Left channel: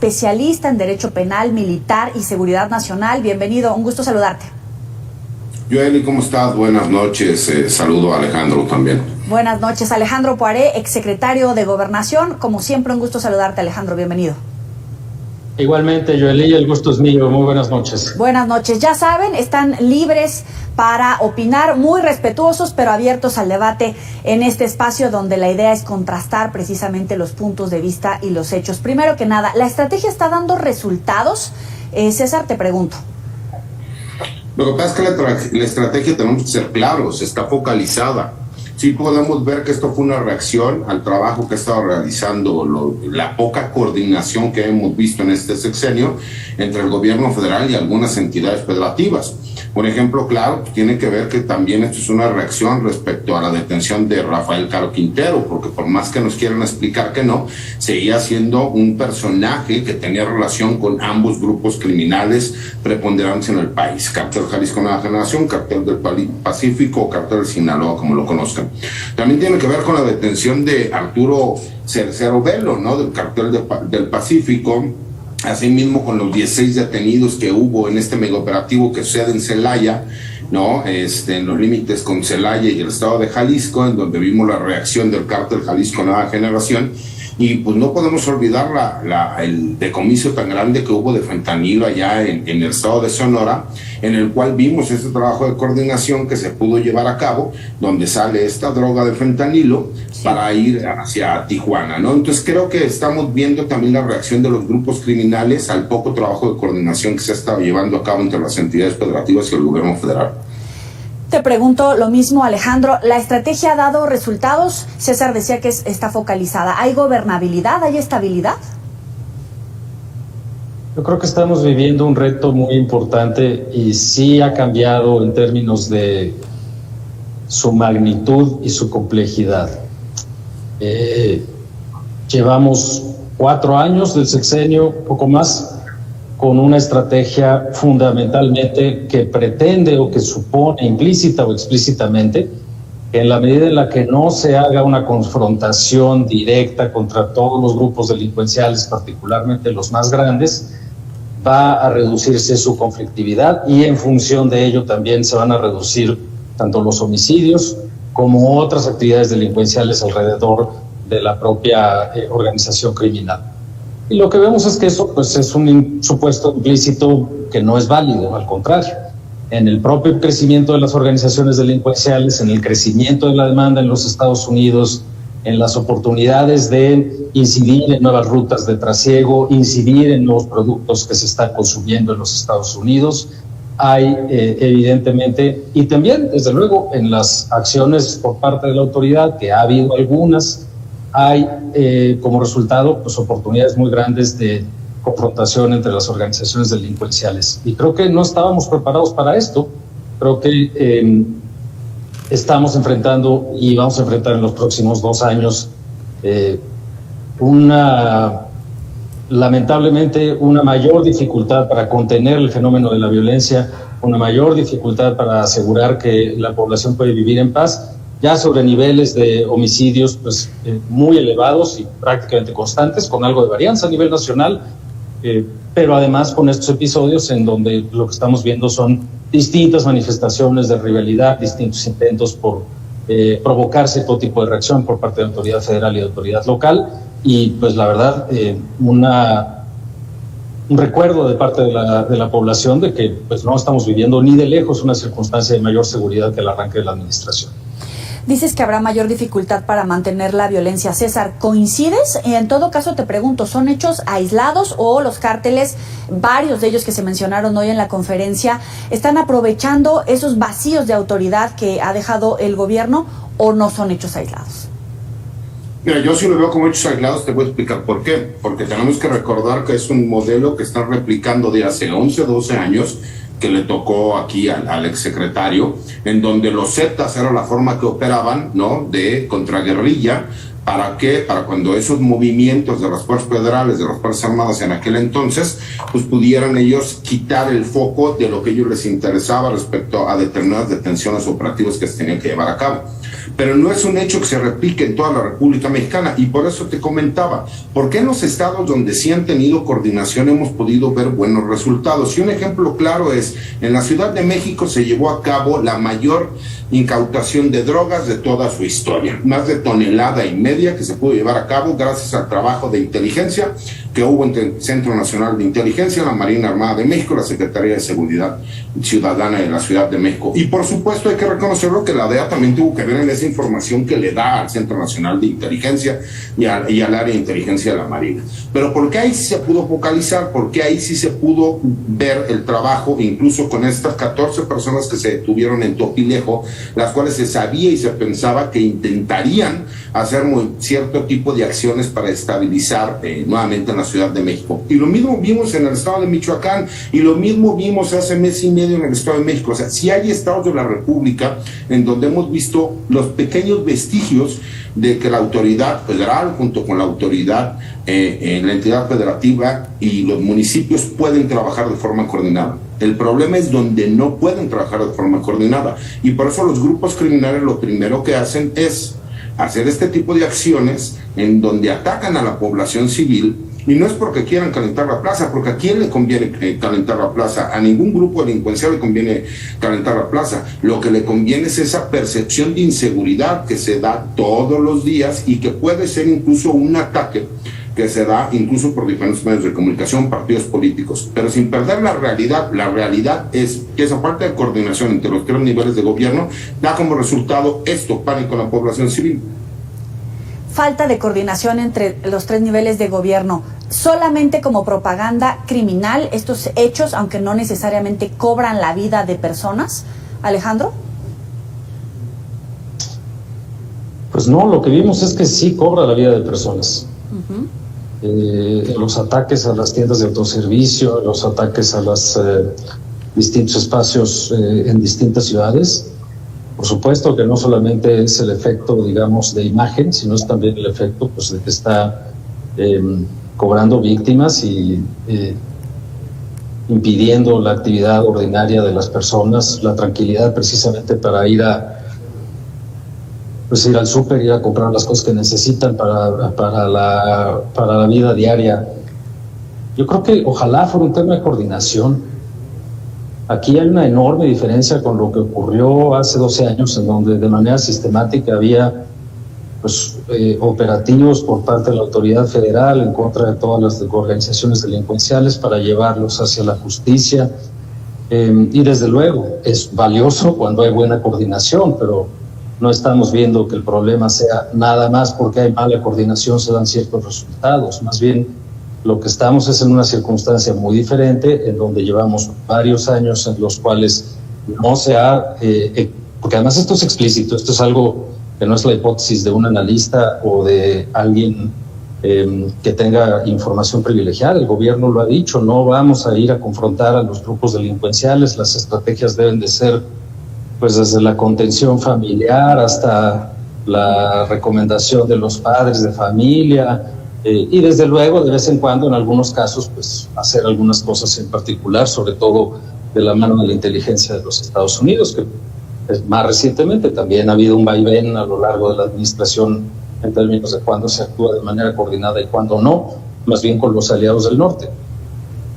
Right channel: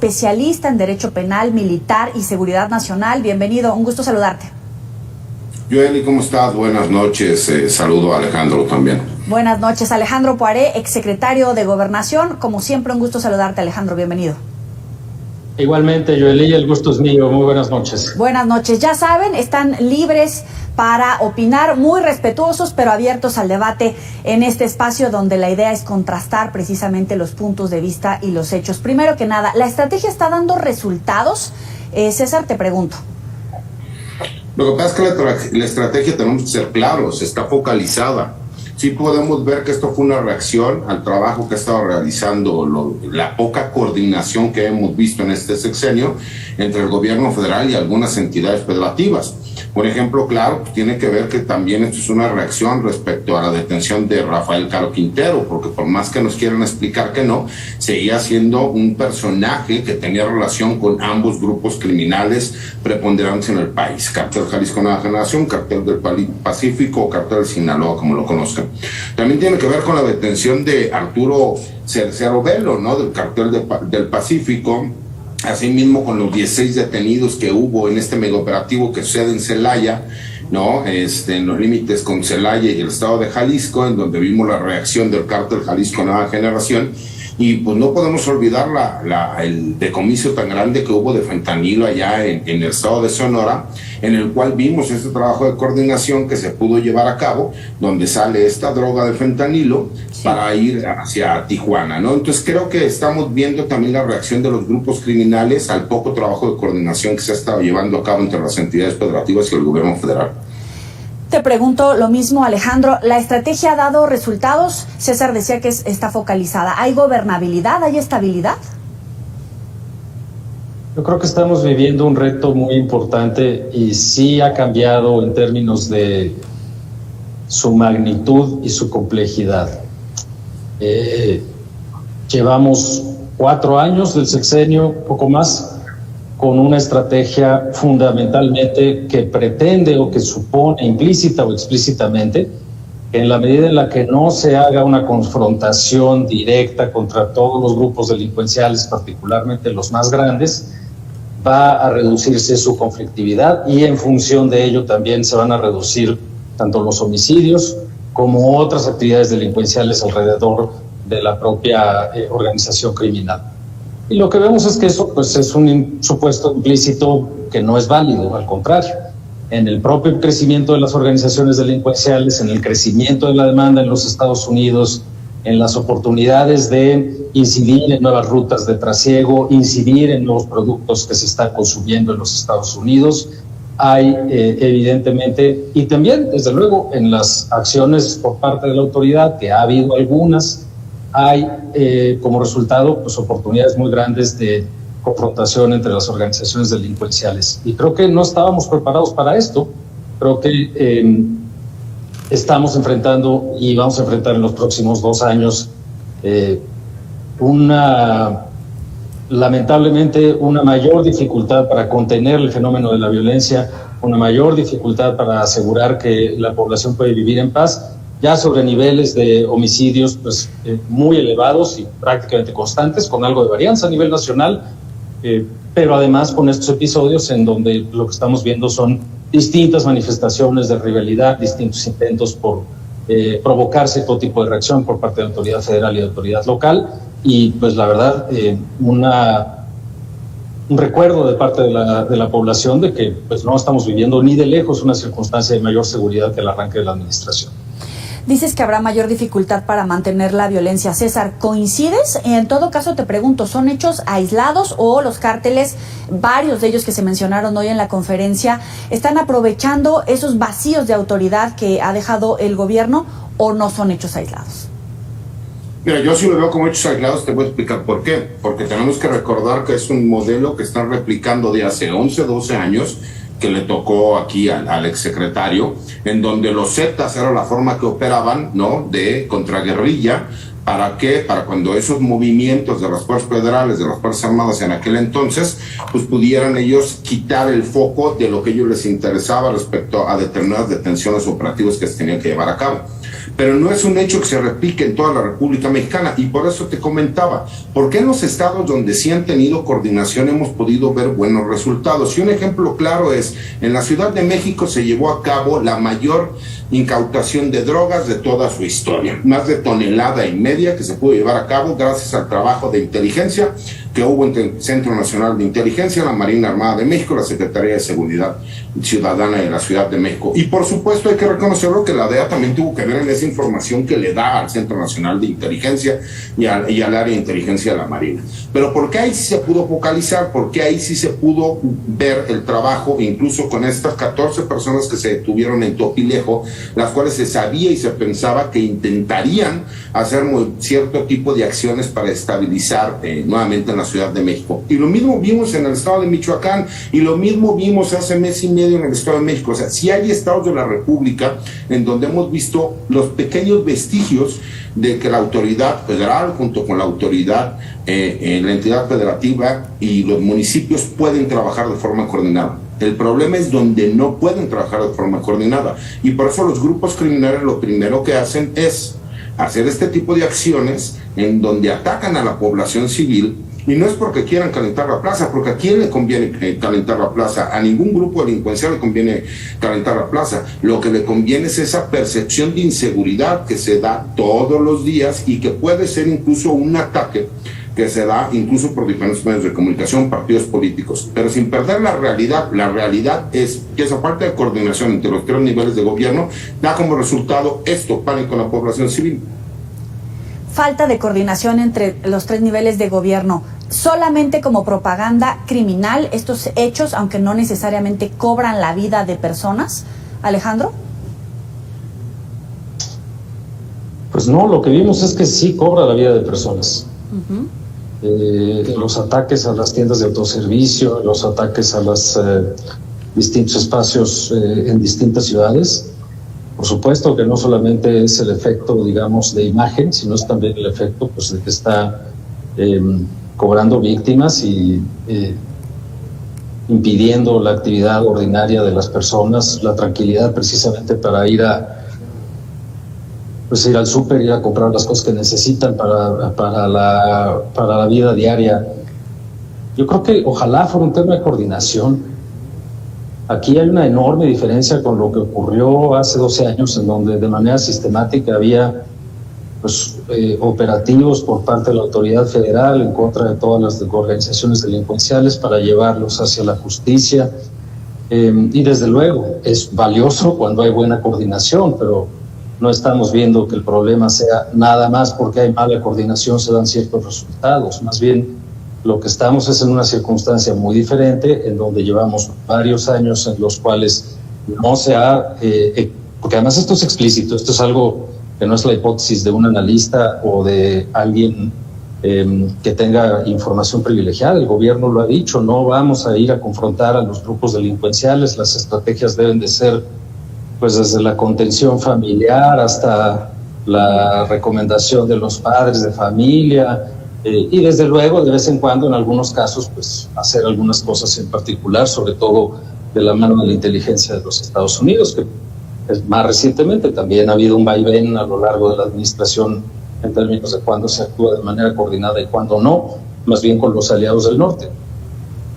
especialista en Derecho Penal, Militar y Seguridad Nacional. Bienvenido, un gusto saludarte. Joely, ¿cómo estás? Buenas noches. Saludo a Alejandro también. Buenas noches, Alejandro Poiré, exsecretario de Gobernación. Como siempre, un gusto saludarte, Alejandro. Bienvenido. Igualmente, Joely, el gusto es mío. Muy buenas noches. Buenas noches. Ya saben, están libres para opinar, muy respetuosos, pero abiertos al debate en este espacio donde la idea es contrastar precisamente los puntos de vista y los hechos. Primero que nada, ¿la estrategia está dando resultados? César, te pregunto. Lo que pasa es que la estrategia, tenemos que ser claros, está focalizada. Sí podemos ver que esto fue una reacción al trabajo que ha estado realizando, la poca coordinación que hemos visto en este sexenio entre el gobierno federal y algunas entidades federativas. Por ejemplo, claro, tiene que ver que también esto es una reacción respecto a la detención de Rafael Caro Quintero, porque por más que nos quieran explicar que no, seguía siendo un personaje que tenía relación con ambos grupos criminales preponderantes en el país: Cártel Jalisco Nueva Generación, Cártel del Pacífico o Cártel de Sinaloa, como lo conozcan. También tiene que ver con la detención de Arturo Cercero Velo, ¿no?, del Cártel del Pacífico. Asimismo, con los 16 detenidos que hubo en este megaoperativo que sucede en Celaya, ¿no? En los límites con Celaya y el estado de Jalisco, en donde vimos la reacción del Cártel Jalisco Nueva Generación. Y pues no podemos olvidar el decomiso tan grande que hubo de fentanilo allá en el estado de Sonora, en el cual vimos este trabajo de coordinación que se pudo llevar a cabo, donde sale esta droga de fentanilo para ir hacia Tijuana, ¿no? Entonces creo que estamos viendo también la reacción de los grupos criminales al poco trabajo de coordinación que se ha estado llevando a cabo entre las entidades federativas y el gobierno federal. Te pregunto lo mismo, Alejandro. ¿La estrategia ha dado resultados? César decía que está focalizada. ¿Hay gobernabilidad? ¿Hay estabilidad? Yo creo que estamos viviendo un reto muy importante y sí ha cambiado en términos de su magnitud y su complejidad. Llevamos 4 años del sexenio, poco más, con una estrategia fundamentalmente que pretende o que supone implícita o explícitamente que en la medida en la que no se haga una confrontación directa contra todos los grupos delincuenciales, particularmente los más grandes, va a reducirse su conflictividad y en función de ello también se van a reducir tanto los homicidios como otras actividades delincuenciales alrededor de la propia organización criminal. Y lo que vemos es que eso pues es un supuesto implícito que no es válido, al contrario. En el propio crecimiento de las organizaciones delincuenciales, en el crecimiento de la demanda en los Estados Unidos, en las oportunidades de incidir en nuevas rutas de trasiego, incidir en nuevos productos que se están consumiendo en los Estados Unidos, hay evidentemente, y también desde luego en las acciones por parte de la autoridad, que ha habido algunas, hay como resultado pues oportunidades muy grandes de confrontación entre las organizaciones delincuenciales. Y creo que no estábamos preparados para esto. Creo que estamos enfrentando y vamos a enfrentar en los próximos 2 años lamentablemente una mayor dificultad para contener el fenómeno de la violencia, una mayor dificultad para asegurar que la población puede vivir en paz, ya sobre niveles de homicidios pues muy elevados y prácticamente constantes, con algo de varianza a nivel nacional, pero además con estos episodios en donde lo que estamos viendo son distintas manifestaciones de rivalidad, distintos intentos por provocarse todo tipo de reacción por parte de la autoridad federal y de la autoridad local, y pues la verdad un recuerdo de parte de la población de que pues no estamos viviendo ni de lejos una circunstancia de mayor seguridad que el arranque de la administración. Dices que habrá mayor dificultad para mantener la violencia. César, ¿coincides? En todo caso te pregunto, ¿son hechos aislados o los cárteles, varios de ellos que se mencionaron hoy en la conferencia, están aprovechando esos vacíos de autoridad que ha dejado el gobierno, o no son hechos aislados? Mira, yo sí lo veo como hechos aislados, te voy a explicar por qué. Porque tenemos que recordar que es un modelo que están replicando de hace 11, 12 años, que le tocó aquí al exsecretario, en donde los Zetas era la forma que operaban, ¿no?, de contraguerrilla. ¿Para qué? Para cuando esos movimientos de las fuerzas federales, de las fuerzas armadas en aquel entonces, pues pudieran ellos quitar el foco de lo que a ellos les interesaba respecto a determinadas detenciones operativas que se tenían que llevar a cabo. pero no es un hecho que se replique en toda la República Mexicana, y por eso te comentaba, ¿por qué en los estados donde sí han tenido coordinación hemos podido ver buenos resultados? Y un ejemplo claro es, en la Ciudad de México se llevó a cabo la mayor incautación de drogas de toda su historia, más de 1,5 toneladas que se pudo llevar a cabo gracias al trabajo de inteligencia que hubo entre el Centro Nacional de Inteligencia, la Marina Armada de México, la Secretaría de Seguridad Ciudadana de la Ciudad de México. Y por supuesto hay que reconocerlo que la DEA también tuvo que ver en esa información que le da al Centro Nacional de Inteligencia y al área de inteligencia de la Marina. Pero ¿por qué ahí sí se pudo focalizar? ¿Por qué ahí sí se pudo ver el trabajo, incluso con estas 14 personas que se detuvieron en Topilejo, las cuales se sabía y se pensaba que intentarían hacer cierto tipo de acciones para estabilizar nuevamente en la Ciudad de México? Y lo mismo vimos en el estado de Michoacán, y lo mismo vimos hace mes y medio en el estado de México. O sea, sí hay estados de la República en donde hemos visto los pequeños vestigios de que la autoridad federal, junto con la autoridad en la entidad federativa y los municipios, pueden trabajar de forma coordinada. El problema es donde no pueden trabajar de forma coordinada, y por eso los grupos criminales lo primero que hacen es hacer este tipo de acciones en donde atacan a la población civil. Y no es porque quieran calentar la plaza, porque ¿a quién le conviene calentar la plaza? A ningún grupo delincuencial le conviene calentar la plaza. Lo que le conviene es esa percepción de inseguridad que se da todos los días y que puede ser incluso un ataque que se da incluso por diferentes medios de comunicación, partidos políticos, pero sin perder la realidad. La realidad es que esa falta de coordinación entre los 3 niveles de gobierno da como resultado esto, pánico en la población civil. Falta de coordinación entre los 3 niveles de gobierno, solamente como propaganda criminal estos hechos, aunque no necesariamente cobran la vida de personas. Alejandro. Pues no, lo que vimos es que sí cobra la vida de personas. Los ataques a las tiendas de autoservicio, los ataques a los distintos espacios en distintas ciudades. Por supuesto que no solamente es el efecto, digamos, de imagen, sino es también el efecto, pues, de que está cobrando víctimas y impidiendo la actividad ordinaria de las personas, la tranquilidad precisamente para ir al súper, ir a comprar las cosas que necesitan para la vida diaria. Yo creo que ojalá fuera un tema de coordinación. Aquí hay una enorme diferencia con lo que ocurrió hace 12 años, en donde de manera sistemática había operativos por parte de la autoridad federal en contra de todas las organizaciones delincuenciales para llevarlos hacia la justicia. Y desde luego es valioso cuando hay buena coordinación, pero no estamos viendo que el problema sea nada más porque hay mala coordinación se dan ciertos resultados. Más bien lo que estamos es en una circunstancia muy diferente, en donde llevamos varios años en los cuales no se ha, porque además esto es explícito, esto es algo que no es la hipótesis de un analista o de alguien que tenga información privilegiada. El gobierno lo ha dicho, no vamos a ir a confrontar a los grupos delincuenciales, las estrategias deben de ser pues desde la contención familiar hasta la recomendación de los padres de familia, y desde luego de vez en cuando en algunos casos pues hacer algunas cosas en particular, sobre todo de la mano de la inteligencia de los Estados Unidos, que más recientemente también ha habido un vaivén a lo largo de la administración en términos de cuándo se actúa de manera coordinada y cuándo no, más bien con los aliados del norte.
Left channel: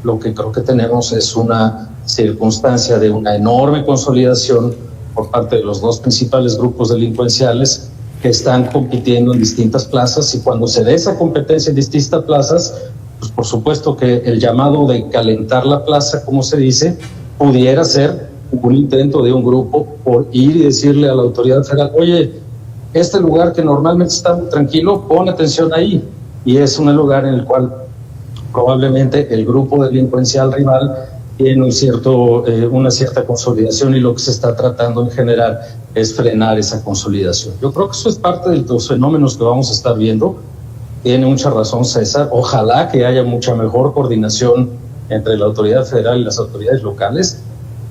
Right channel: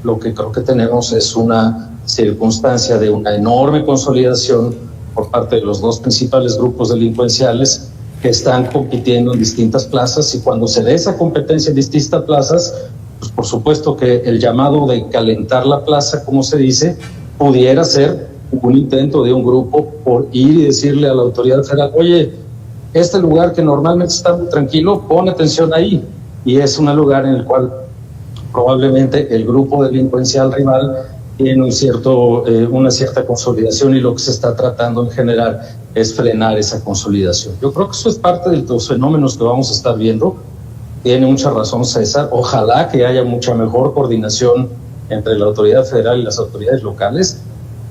Lo que creo que tenemos es una circunstancia de una enorme consolidación por parte de los 2 principales grupos delincuenciales que están compitiendo en distintas plazas, y cuando se dé esa competencia en distintas plazas, pues por supuesto que el llamado de calentar la plaza, como se dice, pudiera ser un intento de un grupo por ir y decirle a la autoridad federal, oye, este lugar que normalmente está muy tranquilo, pon atención ahí, y es un lugar en el cual probablemente el grupo delincuencial rival tiene una cierta consolidación, y lo que se está tratando en general es frenar esa consolidación. Yo creo que eso es parte de los fenómenos que vamos a estar viendo. Tiene mucha razón César, ojalá que haya mucha mejor coordinación entre la autoridad federal y las autoridades locales,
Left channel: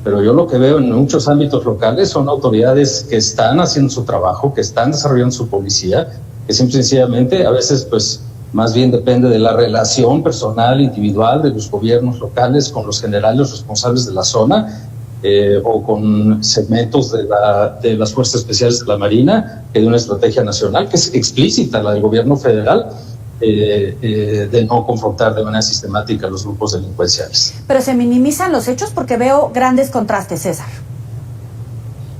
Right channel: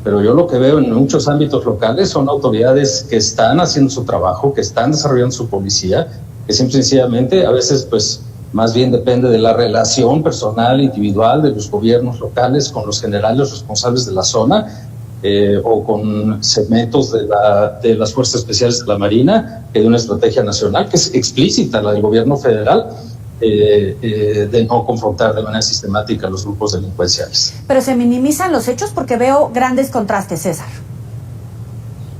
pero yo lo que veo en muchos ámbitos locales son autoridades que están haciendo su trabajo, que están desarrollando su policía, que simple y sencillamente a veces pues más bien depende de la relación personal, individual de los gobiernos locales con los generales responsables de la zona, o con segmentos de las Fuerzas Especiales de la Marina, de una estrategia nacional que es explícita, la del gobierno federal, de no confrontar de manera sistemática a los grupos delincuenciales. Pero se minimizan los hechos porque veo grandes contrastes, César.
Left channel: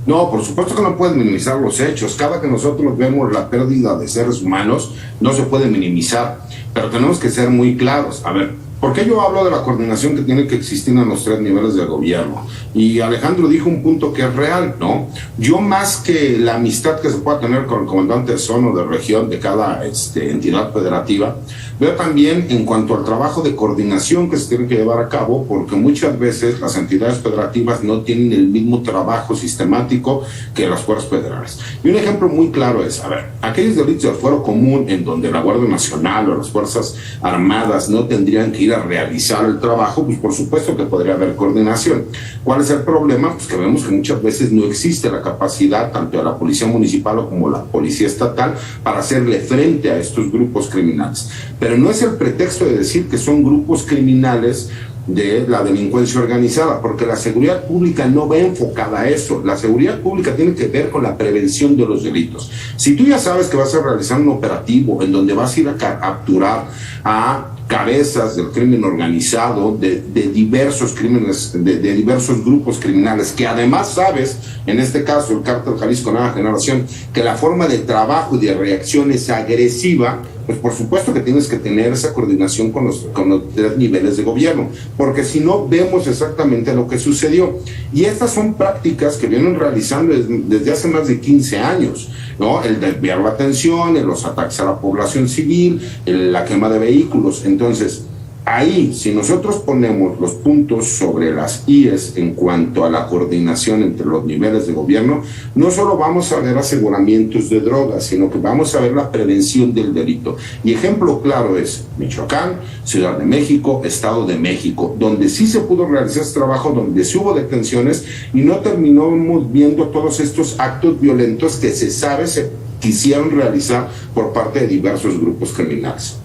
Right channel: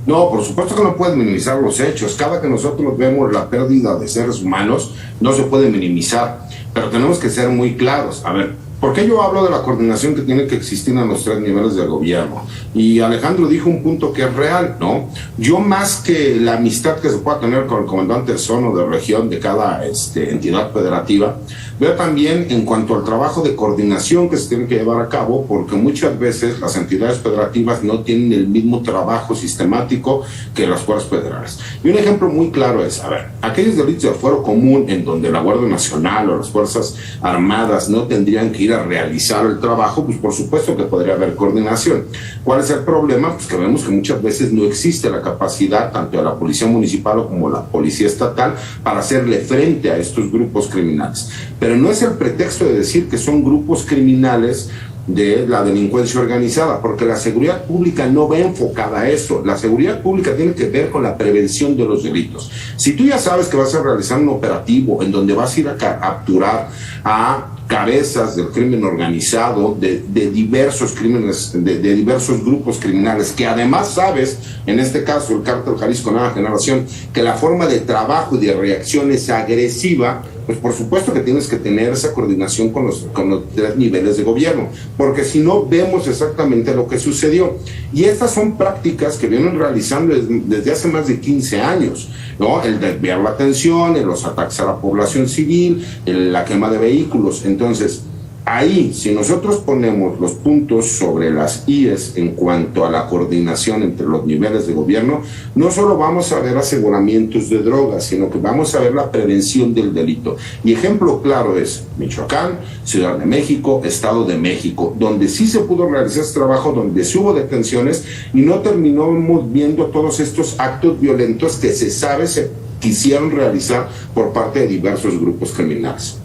No, por supuesto que no puedes minimizar los hechos. Cada que nosotros vemos la pérdida de seres humanos, no se puede minimizar. Pero tenemos que ser muy claros. A ver, ¿por qué yo hablo de la coordinación que tiene que existir en los 3 niveles del gobierno? Y Alejandro dijo un punto que es real, ¿no? Yo, más que la amistad que se pueda tener con el comandante de zona o de región de cada entidad federativa, veo también en cuanto al trabajo de coordinación que se tiene que llevar a cabo, porque muchas veces las entidades federativas no tienen el mismo trabajo sistemático que las fuerzas federales. Y un ejemplo muy claro es, a ver, aquellos delitos del fuero común en donde la Guardia Nacional o las Fuerzas Armadas no tendrían que ir a realizar el trabajo, pues por supuesto que podría haber coordinación. ¿Cuál es el problema? Pues que vemos que muchas veces no existe la capacidad tanto de la policía municipal como la policía estatal para hacerle frente a estos grupos criminales. Pero no es el pretexto de decir que son grupos criminales de la delincuencia organizada, porque la seguridad pública no va enfocada a eso. La seguridad pública tiene que ver con la prevención de los delitos. Si tú ya sabes que vas a realizar un operativo en donde vas a ir a capturar a cabezas del crimen organizado, de diversos crímenes, de diversos grupos criminales, que además sabes, en este caso el Cártel Jalisco Nueva Generación, que la forma de trabajo y de reacción es agresiva, pues por supuesto que tienes que tener esa coordinación con los 3 niveles de gobierno, porque si no vemos exactamente lo que sucedió. Y estas son prácticas que vienen realizando desde hace más de 15 años, ¿no? El desviar la atención, los ataques a la población civil, la quema de vehículos. Entonces, ahí, si nosotros ponemos los puntos sobre las IES en cuanto a la coordinación entre los niveles de gobierno, no solo vamos a ver aseguramientos de drogas, sino que vamos a ver la prevención del delito. Y ejemplo claro es Michoacán, Ciudad de México, Estado de México, donde sí se pudo realizar este trabajo, donde sí hubo detenciones y no terminamos viendo todos estos actos violentos que se sabe se quisieron realizar por parte de diversos grupos criminales.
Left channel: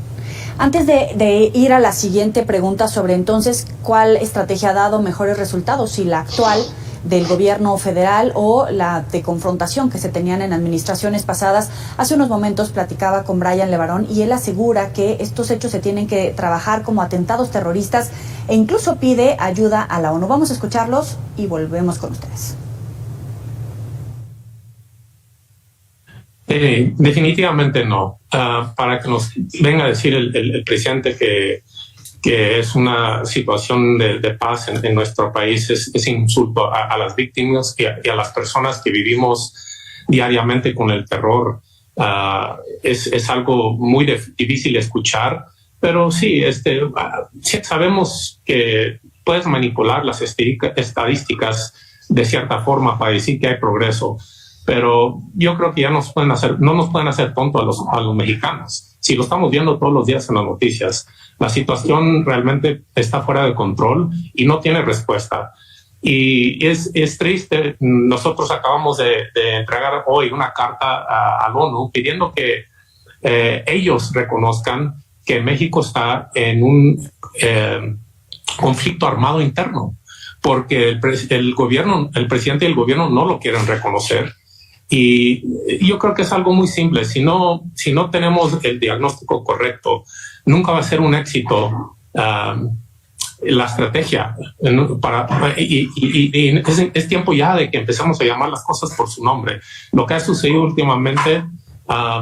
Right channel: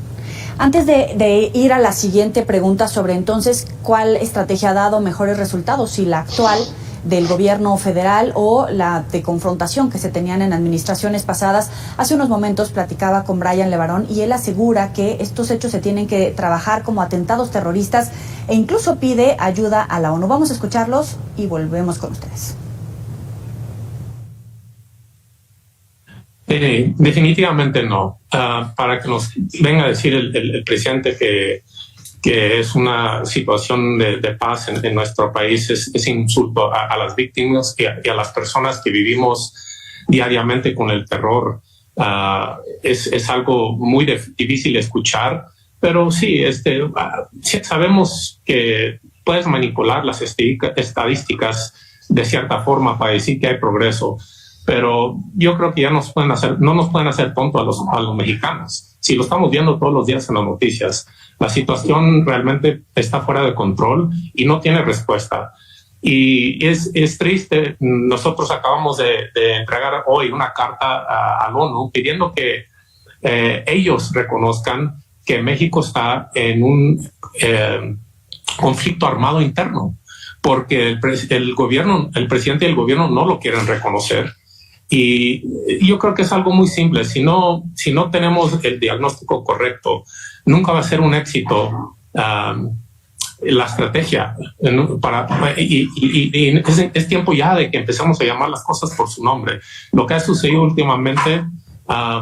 Antes de ir a la siguiente pregunta sobre entonces cuál estrategia ha dado mejores resultados, si la actual del gobierno federal o la de confrontación que se tenían en administraciones pasadas, hace unos momentos platicaba con Brian Levarón y él asegura que estos hechos se tienen que trabajar como atentados terroristas e incluso pide ayuda a la ONU. Vamos a escucharlos y volvemos con ustedes. Definitivamente no. Para que nos venga a decir el presidente que es una situación de paz en nuestro país es insulto a las víctimas y a las personas que vivimos diariamente con el terror. Es algo muy difícil de escuchar, pero sí, sabemos que puedes manipular las estadísticas de cierta forma para decir que hay progreso. Pero yo creo que ya no nos pueden hacer tontos a los mexicanos. Si lo estamos viendo todos los días en las noticias, la situación realmente está fuera de control y no tiene respuesta. Y es triste. Nosotros acabamos de entregar hoy una carta a la ONU pidiendo que ellos reconozcan que México está en un conflicto armado interno, porque el presidente y el gobierno no lo quieren reconocer. Y yo creo que es algo muy simple. Si no tenemos el diagnóstico correcto, nunca va a ser un éxito la estrategia. Y es tiempo ya de que empecemos a llamar las cosas por su nombre. Lo que ha sucedido últimamente,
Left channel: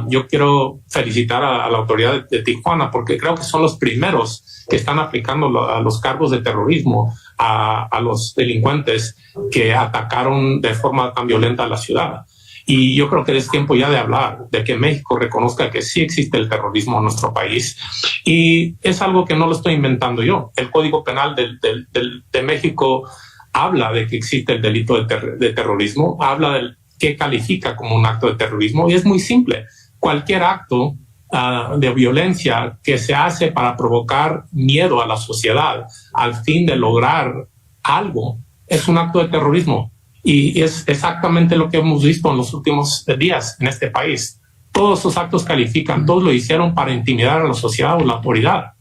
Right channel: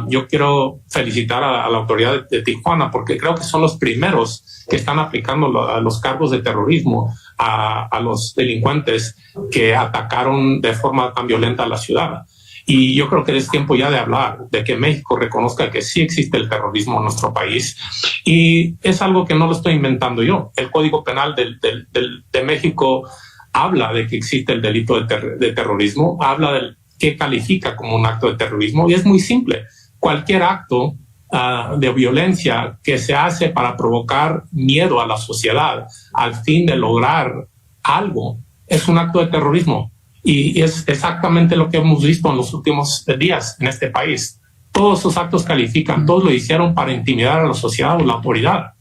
yo quiero felicitar a la autoridad de Tijuana, porque creo que son los primeros que están aplicando los cargos de terrorismo a los delincuentes que atacaron de forma tan violenta a la ciudad. Y yo creo que es tiempo ya de hablar, de que México reconozca que sí existe el terrorismo en nuestro país. Y es algo que no lo estoy inventando yo. El Código Penal de México habla de que existe el delito de terrorismo, habla de qué califica como un acto de terrorismo. Y es muy simple. Cualquier acto de violencia que se hace para provocar miedo a la sociedad al fin de lograr algo es un acto de terrorismo. Y es exactamente lo que hemos visto en los últimos días en este país. Todos esos actos califican, todos lo hicieron para intimidar a la sociedad o la autoridad.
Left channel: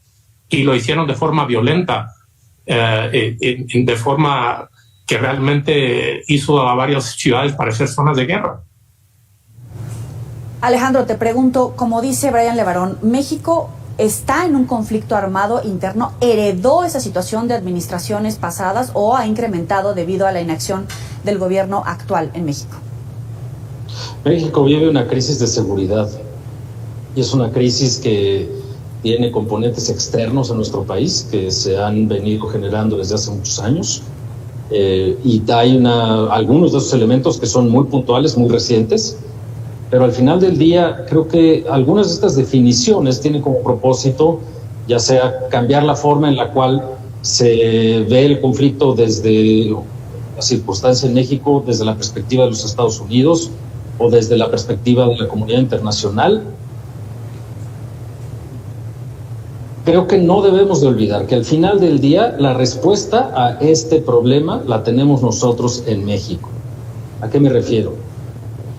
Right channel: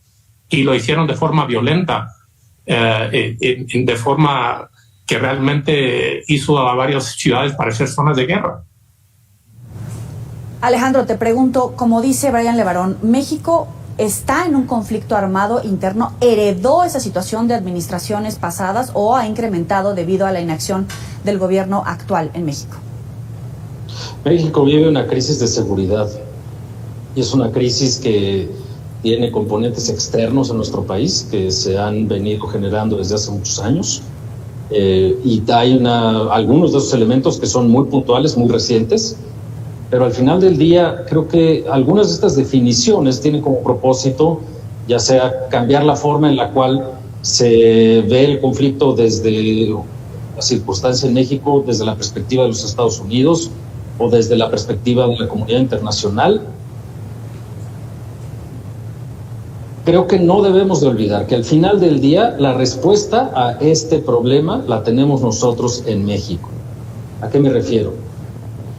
Y lo hicieron de forma violenta, de forma que realmente hizo a varias ciudades parecer zonas de guerra. Alejandro, te pregunto, como dice Brian Levarón, México está en un conflicto armado interno, ¿heredó esa situación de administraciones pasadas o ha incrementado debido a la inacción del gobierno actual en México? México vive una crisis de seguridad y es una crisis que tiene componentes externos en nuestro país que se han venido generando desde hace muchos años y hay algunos de esos elementos que son muy puntuales, muy recientes, pero al final del día creo que algunas de estas definiciones tienen como propósito ya sea cambiar la forma en la cual se ve el conflicto desde la circunstancia en México, desde la perspectiva de los Estados Unidos o desde la perspectiva de la comunidad internacional. Creo que no debemos de olvidar que al final del día la respuesta a este problema la tenemos nosotros en México. ¿A qué me refiero?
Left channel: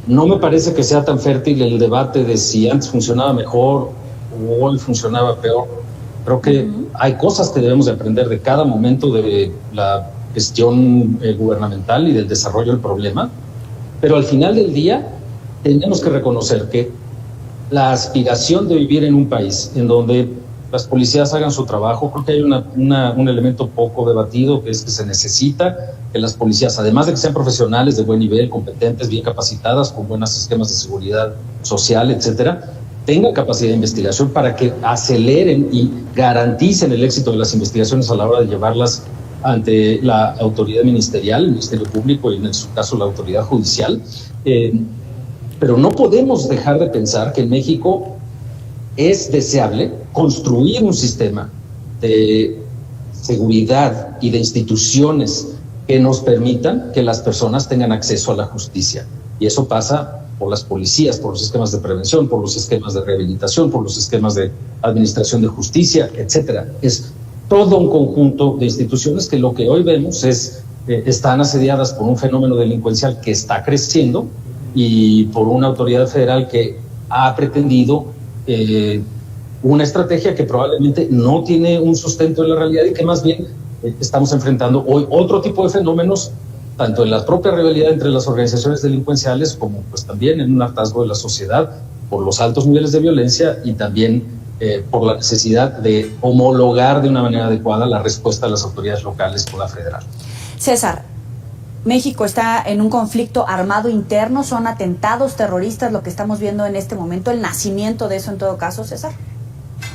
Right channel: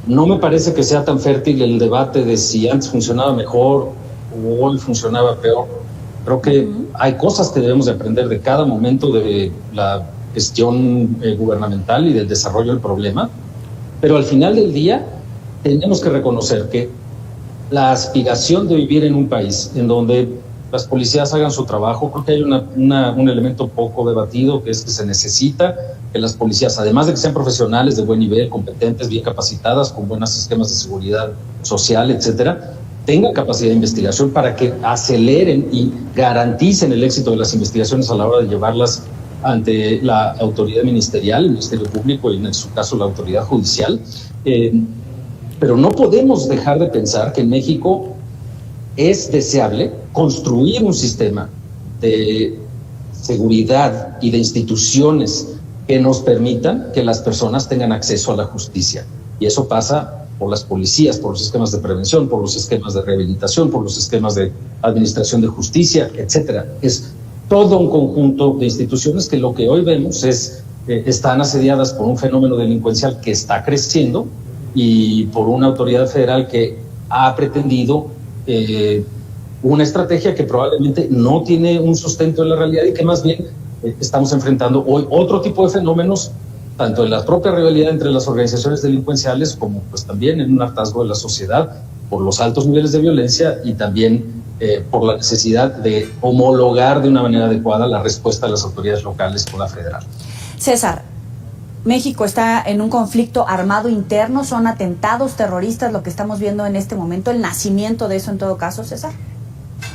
No me parece que sea tan fértil el debate de si antes funcionaba mejor o hoy funcionaba peor. Creo que hay cosas que debemos de aprender de cada momento de la gestión gubernamental y del desarrollo del problema, pero al final del día tenemos que reconocer que la aspiración de vivir en un país en donde las policías hagan su trabajo, creo que hay un elemento poco debatido, que es que se necesita que las policías, además de que sean profesionales de buen nivel, competentes, bien capacitadas, con buenos esquemas de seguridad social, etcétera, tengan capacidad de investigación para que aceleren y garanticen el éxito de las investigaciones a la hora de llevarlas ante la autoridad ministerial, el Ministerio Público y en su caso la autoridad judicial. Pero no podemos dejar de pensar que en México es deseable construir un sistema de seguridad y de instituciones que nos permitan que las personas tengan acceso a la justicia. Y eso pasa por las policías, por los esquemas de prevención, por los esquemas de rehabilitación, por los esquemas de administración de justicia, etcétera. Es todo un conjunto de instituciones que lo que hoy vemos es están asediadas por un fenómeno delincuencial que está creciendo y por una autoridad federal que ha pretendido una estrategia que probablemente no tiene un sustento en la realidad y que más bien estamos enfrentando hoy otro tipo de fenómenos, tanto en la propia rivalidad entre las organizaciones delincuenciales como pues también en un hartazgo de la sociedad por los altos niveles de violencia y también por la necesidad de homologar de una manera adecuada la respuesta de las autoridades locales con la federal. César, México está en un conflicto armado interno, son atentados terroristas lo que estamos viendo en este momento, el nacimiento de eso en todo caso, César.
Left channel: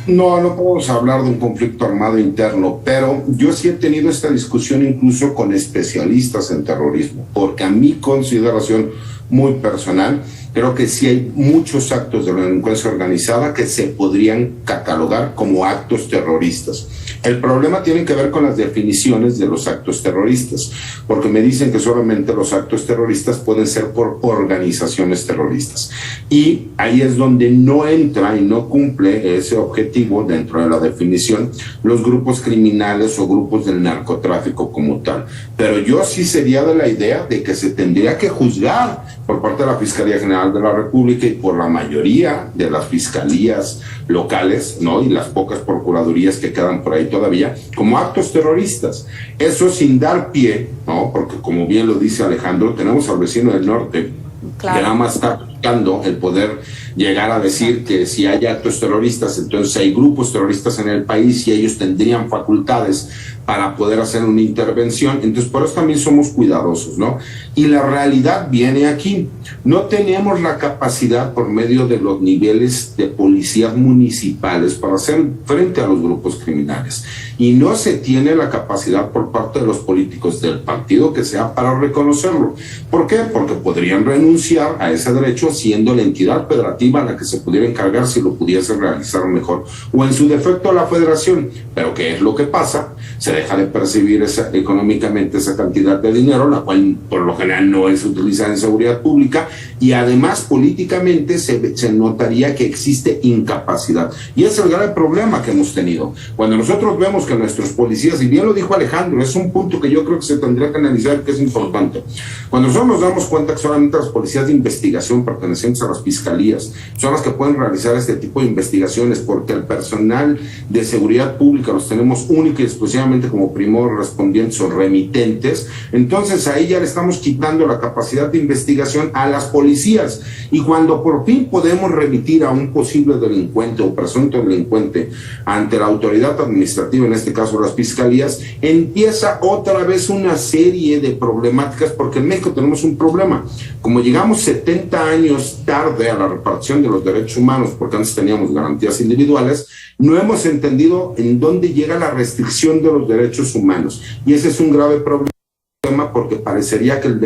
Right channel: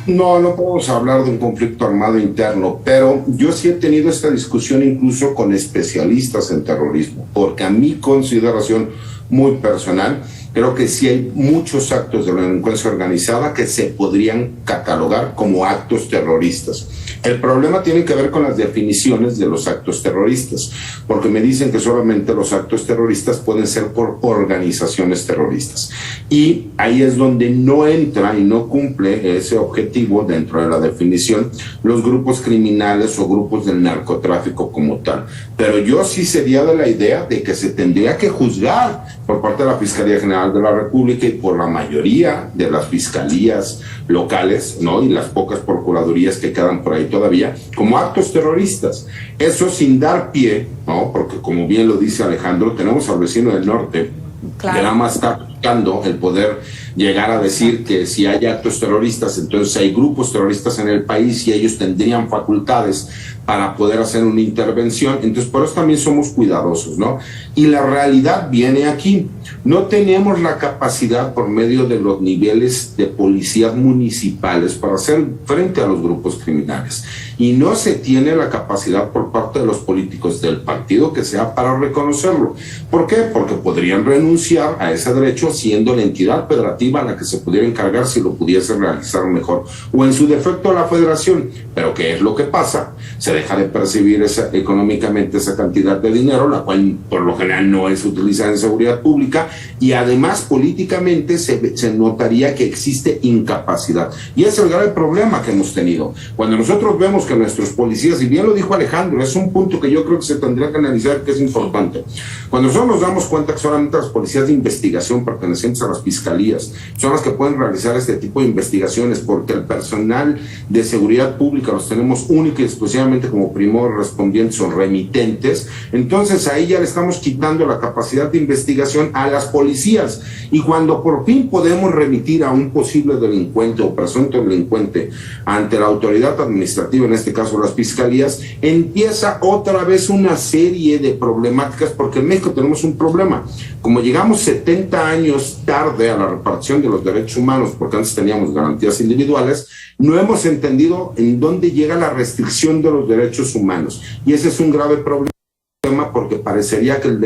No podemos hablar de un conflicto armado interno, pero yo sí he tenido esta discusión incluso con especialistas en terrorismo, porque a mi consideración muy personal, creo que sí hay muchos actos de la delincuencia organizada que se podrían catalogar como actos terroristas. El problema tiene que ver con las definiciones de los actos terroristas, porque me dicen que solamente los actos terroristas pueden ser por organizaciones terroristas. Y ahí es donde no entra y no cumple ese objetivo dentro de la definición los grupos criminales o grupos del narcotráfico como tal. Pero yo sí sería de la idea de que se tendría que juzgar por parte de la Fiscalía General de la República y por la mayoría de las fiscalías locales, ¿no? Y las pocas procuradurías que quedan por ahí todavía, como actos terroristas. Eso sin dar pie, ¿no? Porque como bien lo dice Alejandro, tenemos al vecino del norte, claro, que nada más está buscando el poder llegar a decir que si hay actos terroristas, entonces hay grupos terroristas en el país y ellos tendrían facultades para poder hacer una intervención. Entonces por eso también somos cuidadosos, ¿no? Y la realidad viene aquí. No tenemos la capacidad por medio de los niveles de policías municipales para hacer frente a los grupos criminales. Y no se tiene la capacidad por parte de los políticos del partido que sea para reconocerlo. ¿Por qué? Porque podrían renunciar a ese derecho siendo la entidad federativa a la que se pudiera encargar si lo pudiese realizar mejor, o en su defecto la federación. Pero ¿qué es lo que pasa? Se deja de percibir económicamente esa cantidad de dinero, la cual por lo general no es utilizada en seguridad pública, y además políticamente se notaría que existe incapacidad. Y ese es el grave problema que hemos tenido. Cuando nosotros vemos que nuestros policías, y bien lo dijo Alejandro, es un punto que yo creo que se tendría que analizar, que es importante. Cuando nosotros nos damos cuenta que solamente las policías de investigación pertenecientes a las fiscalías policías son las que pueden realizar este tipo de investigaciones, porque el personal de seguridad pública los tenemos única y exclusivamente como primos respondientes o remitentes. Entonces ahí ya le estamos quitando la capacidad de investigación a las policías, y cuando por fin podemos remitir a un posible delincuente o presunto delincuente ante la autoridad administrativa, en este caso las fiscalías, empieza otra vez una serie de problemáticas, porque en México tenemos un problema. Como llegamos 70 años tarde a la repartición de los derechos humanos, porque antes teníamos garantías individuales, no hemos entendido en dónde llega la restricción de los derechos humanos, y ese es un grave problema, porque parecería que el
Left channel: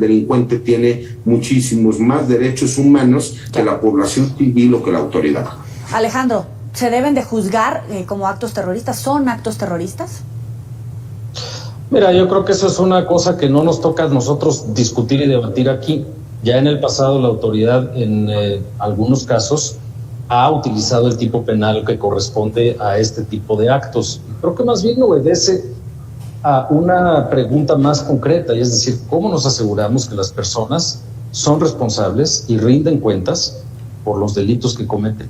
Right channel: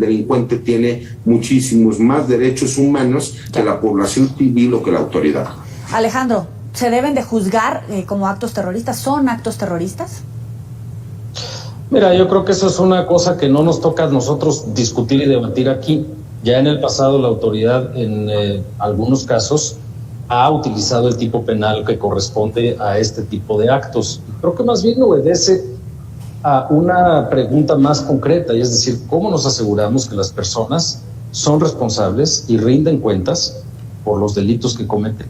delincuente tiene muchísimos más derechos humanos que la población civil o que la autoridad. Alejandro, ¿se deben de juzgar como actos terroristas? ¿Son actos terroristas? Mira, yo creo que eso es una cosa que no nos toca a nosotros discutir y debatir aquí. Ya en el pasado la autoridad en algunos casos ha utilizado el tipo penal que corresponde a este tipo de actos. Creo que más bien obedece a una pregunta más concreta, y es decir, ¿cómo nos aseguramos que las personas son responsables y rinden cuentas por los delitos que cometen?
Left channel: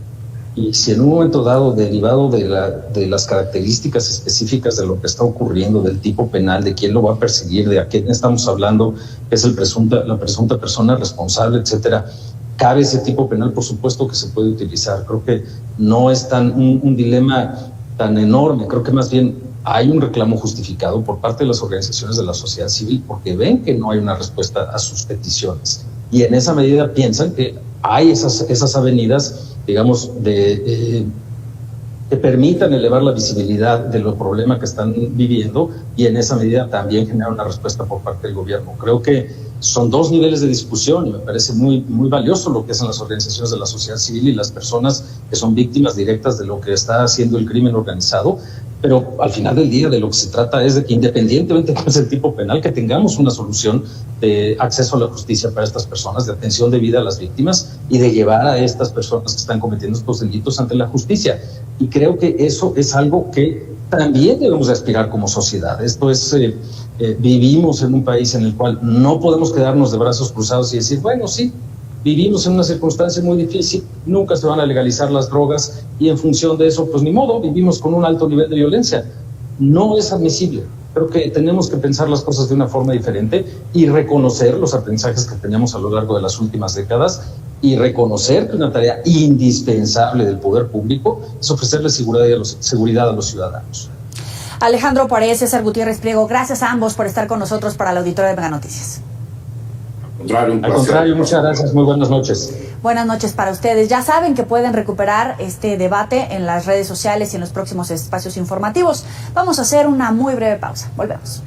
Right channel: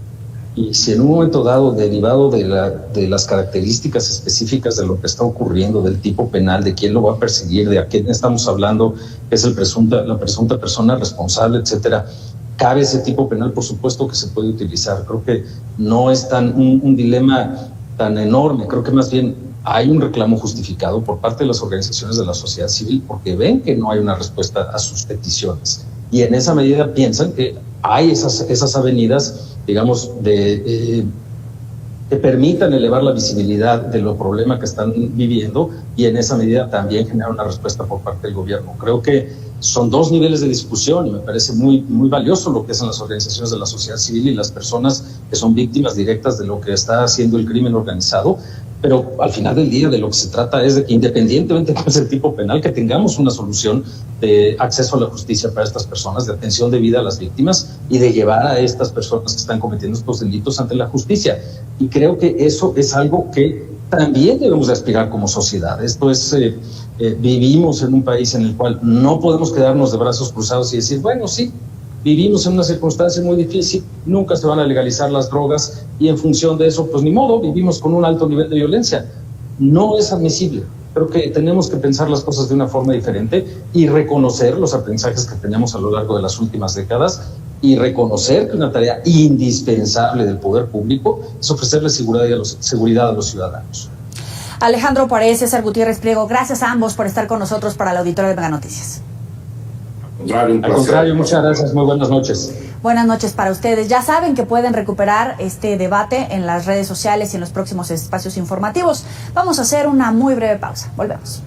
Y si en un momento dado, derivado de las características específicas de lo que está ocurriendo, del tipo penal, de quién lo va a perseguir, de a quién estamos hablando, que es la presunta persona responsable, etcétera, cabe ese tipo penal, por supuesto que se puede utilizar. Creo que no es un dilema tan enorme. Creo que más bien hay un reclamo justificado por parte de las organizaciones de la sociedad civil, porque ven que no hay una respuesta a sus peticiones, y en esa medida piensan que hay esas avenidas, digamos, que permitan elevar la visibilidad de los problemas que están viviendo, y en esa medida también generar una respuesta por parte del gobierno. Creo que son dos niveles de discusión, y me parece muy, muy valioso lo que hacen las organizaciones de la sociedad civil y las personas que son víctimas directas de lo que está haciendo el crimen organizado. Pero al final del día de lo que se trata es de que, independientemente de cuál sea el tipo penal, que tengamos una solución de acceso a la justicia para estas personas, de atención debida a las víctimas y de llevar a estas personas que están cometiendo estos delitos ante la justicia. Y creo que eso es algo que también debemos de aspirar como sociedad. Esto es, vivimos en un país en el cual no podemos quedarnos de brazos cruzados y decir, bueno, sí, vivimos en una circunstancia muy difícil, nunca se van a legalizar las drogas, y en función de eso, pues ni modo, vivimos con un alto nivel de violencia. No es admisible. Creo que tenemos que pensar las cosas de una forma diferente y reconocer los aprendizajes que tenemos a lo largo de las últimas décadas, y reconocer que una tarea indispensable del poder público es ofrecerle seguridad a los ciudadanos. Alejandro Párez, César Gutiérrez Priego, gracias a ambos por estar con nosotros para la auditoría de Mega Noticias. Al contrario, muchas gracias, muy buenas noches. Buenas noches para ustedes. Ya saben que pueden recuperar este debate en las redes sociales y en los próximos espacios informativos. Vamos a hacer una muy breve pausa. Volvemos.